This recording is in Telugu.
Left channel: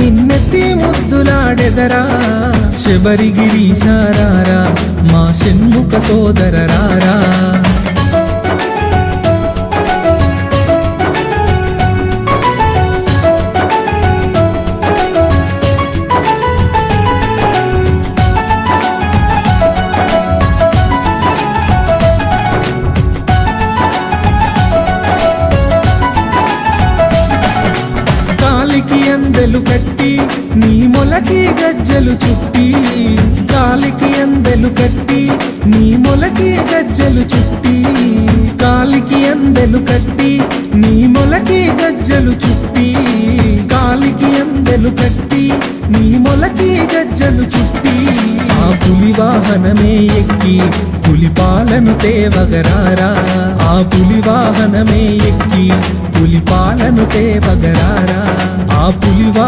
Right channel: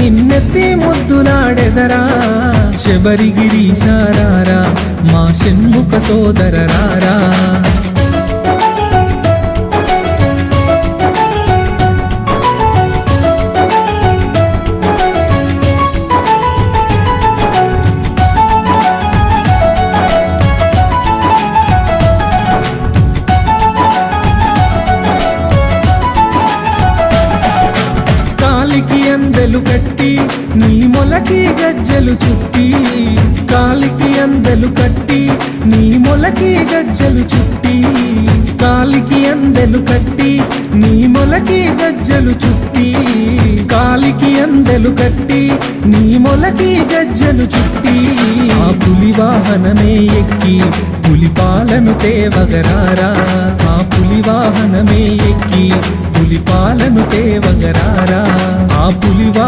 నిన్నెత్తి ముద్దులాడెదరా శబరిగిరీశారారా మా షణ్ముఖ సోదరరారా కాలికి అందెలు కట్టి నీ మొలకి గజ్జలు చుట్టి కాలికి అందెలు కట్టి నీ మొలకి గజ్జలు చుట్టి కాలికి అందెలు కట్టి నీ మొలకి గజ్జలు చుట్టి కాలికి అందెలు కట్టి నీ మొలకి గజ్జలు చుట్టి ఆ పులి వాహనమే ఎక్కి పులిపాలను తేవగరారా ఆ పులి వాహనమే ఎక్కి పులిపాలను తేవగరారా ఆ పులివా